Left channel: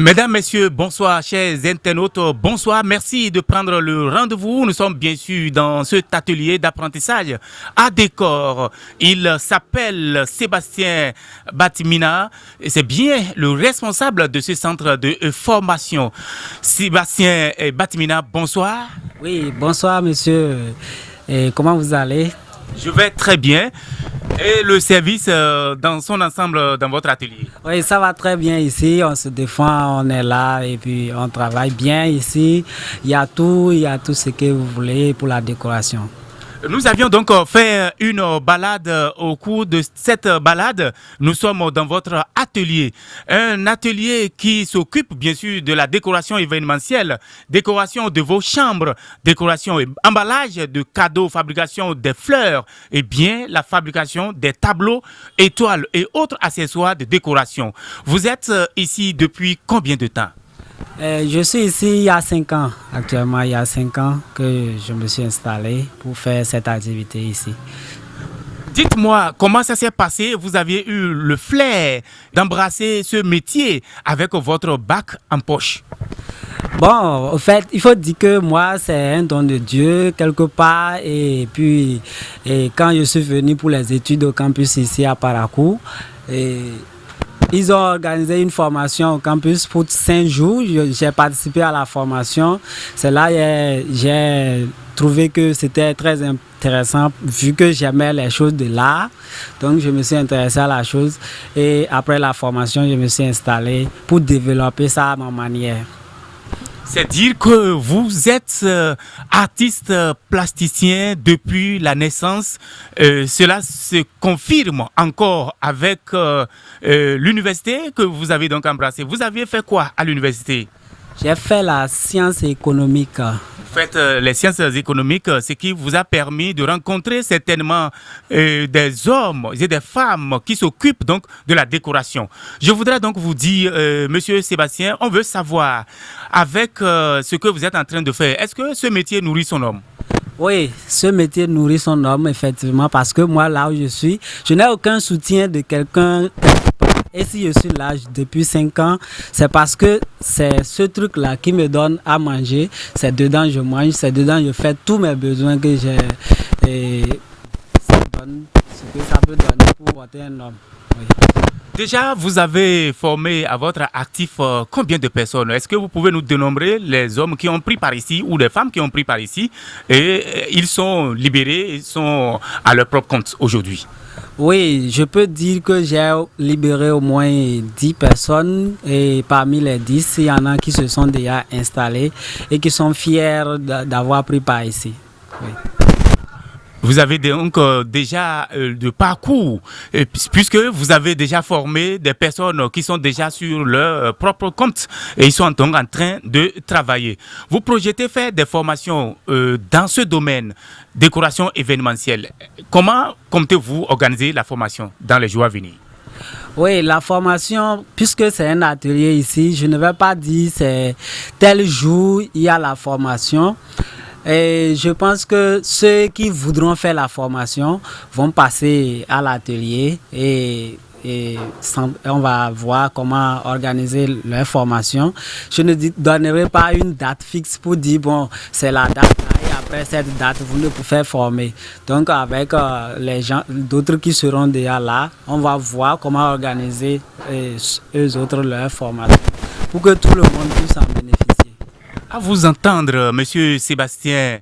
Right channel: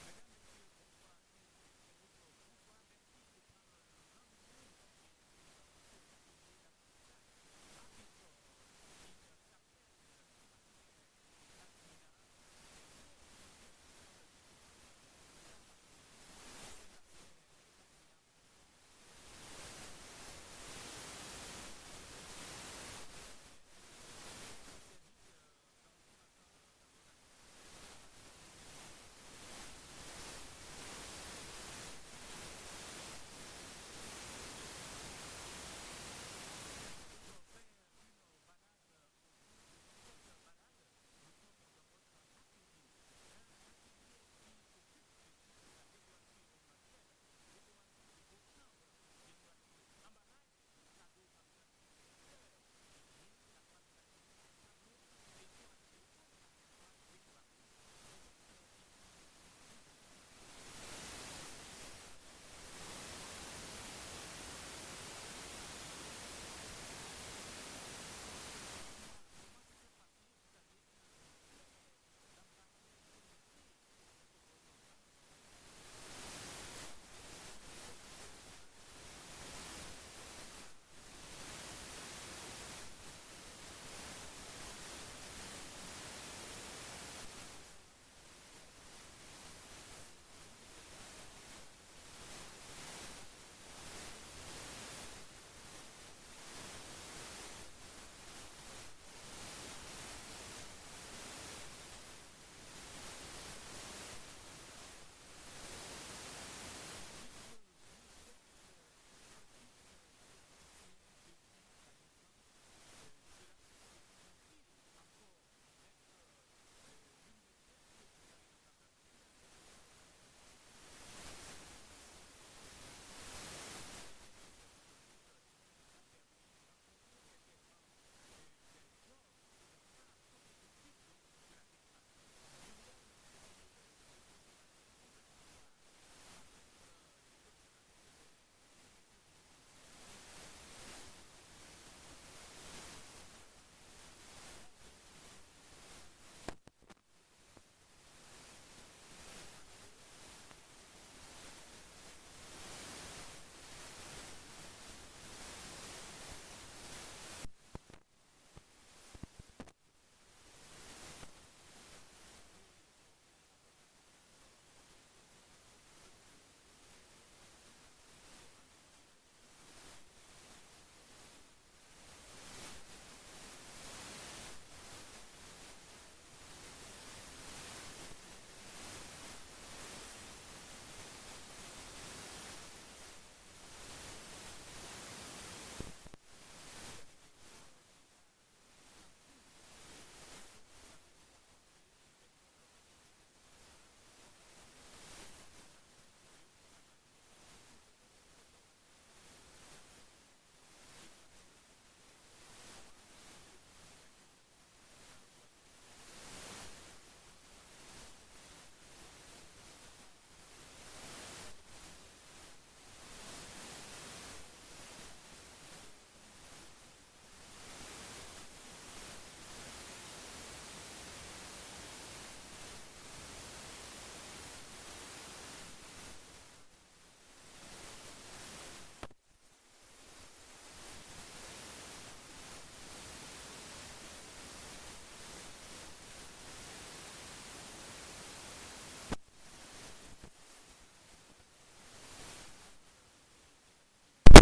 Mesdames, Messieurs, bonsoir, chers internautes, bonsoir. Merci de prendre le rendez-vous. Nous sommes bien sûr dans cet atelier d'apprentissage à décor. Il s'appelle Sébastien Batimina et c'est bien le responsable de ce centre de formation. Sébastien Batimina, bonsoir. Oui, bonsoir monsieur. Et comment vous allez? Je vais très bien. Et le service dans son ensemble dans votre atelier? Oui, ça va très bien ici. On se défend, on est là et puis on travaille bien ici. Il y a tout ce que vous voulez pour la décoration. Nous avions donc fait une balade. Au cours de cette balade, nous sommes dans votre atelier. Un atelier qui s'occupe bien sûr de la décoration événementielle, décoration de vos chambres, décoration et emballage de cadeaux, fabrication des fleurs et bien la fabrication des tableaux, étoiles et autres accessoires de décoration. Vous êtes ici depuis combien de temps? Je suis ici il y a 5 ans. Actuellement, il y a 5 ans que je me suis installé pour faire cette activité ici. Dites-moi, comment ça s'est passé? Vous aviez eu le flair d'embrasser ce métier avec votre bac en poche. Bon, en fait, il faut dire que moi, c'est un don de Dieu quelque part. Et puis, quand je suis venu pour les études au campus ici à Parakou, ils ont organisé une formation au campus pour 5 jours. J'ai participé à la formation. C'est là que j'ai trouvé que c'était très intéressant vu que j'aimais les choses de l'art. Donc, je me suis intéressé à la chose. Et après la formation, je me suis installé pour développer ça à ma manière. C'est dire que vous êtes artiste plasticien depuis la naissance. Cela se confirme encore avec l'université que vous avez donc embrassée. Vous aviez fait quoi à l'université? J'ai fait la science économique. Vous faites les sciences économiques, ce qui vous a permis de rencontrer certainement des hommes et des femmes qui s'occupent donc de la décoration. Je voudrais donc vous dire, Monsieur Sébastien, on veut savoir, avec ce que vous êtes en train de faire, est-ce que ce métier nourrit son homme? Oui, ce métier nourrit son homme, effectivement, parce que moi, là où je suis, je n'ai aucun soutien de quelqu'un. Et si je suis là depuis 5 ans, c'est parce que c'est ce truc-là qui me donne à manger. C'est dedans je mange, c'est dedans je fais tous mes besoins que j'ai. Et ça donne ce que ça peut donner pour porter un homme. Oui. Déjà, vous avez formé à votre actif combien de personnes? Est-ce que vous pouvez nous dénombrer les hommes qui ont pris par ici ou les femmes qui ont pris par ici et ils sont libérés, ils sont à leur propre compte aujourd'hui? Oui, je peux dire que j'ai libéré au moins 10 personnes et parmi les 10, il y en a qui se sont déjà installés et qui sont fiers d'avoir pris part ici. Oui. Vous avez donc déjà de parcours, puisque vous avez déjà formé des personnes qui sont déjà sur leur propre compte et ils sont donc en train de travailler. Vous projetez faire des formations dans ce domaine, décoration événementielle. Comment comptez-vous organiser la formation dans les jours à venir? Oui, la formation, puisque c'est un atelier ici, je ne vais pas dire c'est tel jour il y a la formation. Et je pense que ceux qui voudront faire la formation vont passer à l'atelier et on va voir comment organiser leur formation. Je ne donnerai pas une date fixe pour dire bon, c'est la date là et après cette date, vous ne pouvez faire former. Donc avec les gens, d'autres qui seront déjà là, on va voir comment organiser eux autres leur formation pour que tout le monde puisse en bénéficier. À vous entendre, Monsieur Sébastien,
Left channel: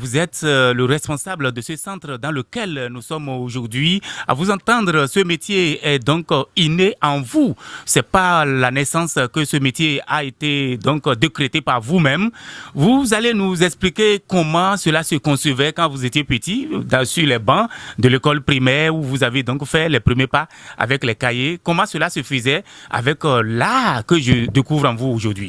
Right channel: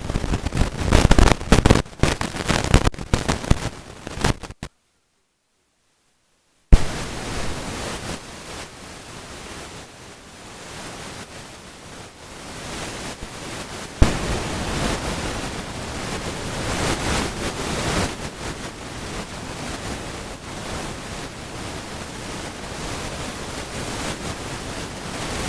vous êtes le responsable de ce centre dans lequel nous sommes aujourd'hui. À vous entendre, ce métier est donc inné en vous. C'est pas la naissance que ce métier a été donc décrété par vous-même. Vous allez nous expliquer comment cela se concevait quand vous étiez petit, sur les bancs de l'école primaire où vous avez donc fait les premiers pas avec les cahiers. Comment cela se faisait avec l'art que je découvre en vous aujourd'hui.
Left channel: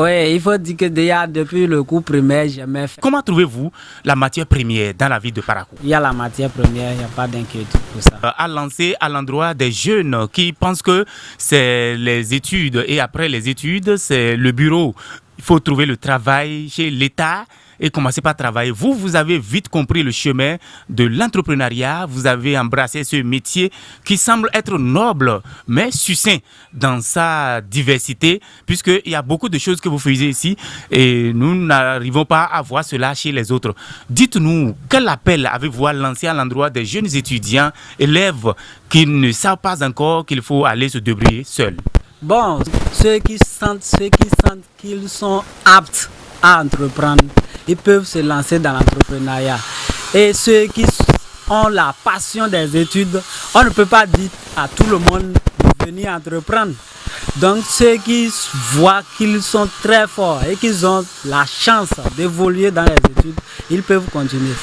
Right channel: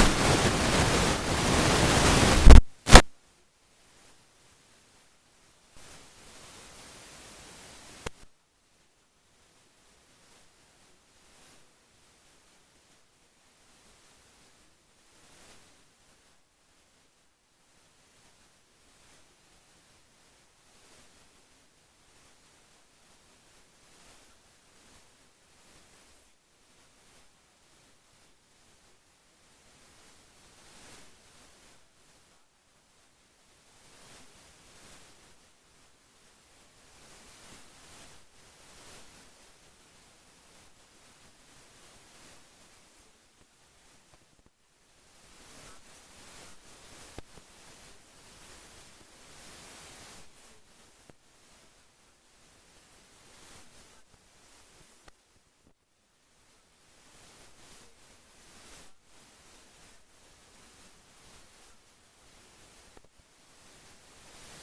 Oui, il faut dire que déjà depuis le cours primaire, j'aimais faire. Comment trouvez-vous la matière première dans la ville de Parakou? Il y a la matière première, il n'y a pas d'inquiétude pour ça. À lancer à l'endroit des jeunes qui pensent que c'est les études et après les études, c'est le bureau. Il faut trouver le travail chez l'État et commencer par travailler. Vous, vous avez vite compris le chemin de l'entrepreneuriat. Vous avez embrassé ce métier qui semble être noble, mais succinct dans sa diversité, puisqu'il y a beaucoup de choses que vous faisiez ici et nous n'arrivons pas à voir cela chez les autres. Dites-nous, quel appel avez-vous à lancer à l'endroit des jeunes étudiants, élèves qui ne savent pas encore qu'il faut aller se débrouiller seuls? Bon, ceux qui sentent qu'ils sont aptes à entreprendre, ils peuvent se lancer dans l'entrepreneuriat. Et ceux qui ont la passion des études, on ne peut pas dire à tout le monde de venir entreprendre. Donc ceux qui voient qu'ils sont très forts et qu'ils ont la chance d'évoluer dans les études, ils peuvent continuer.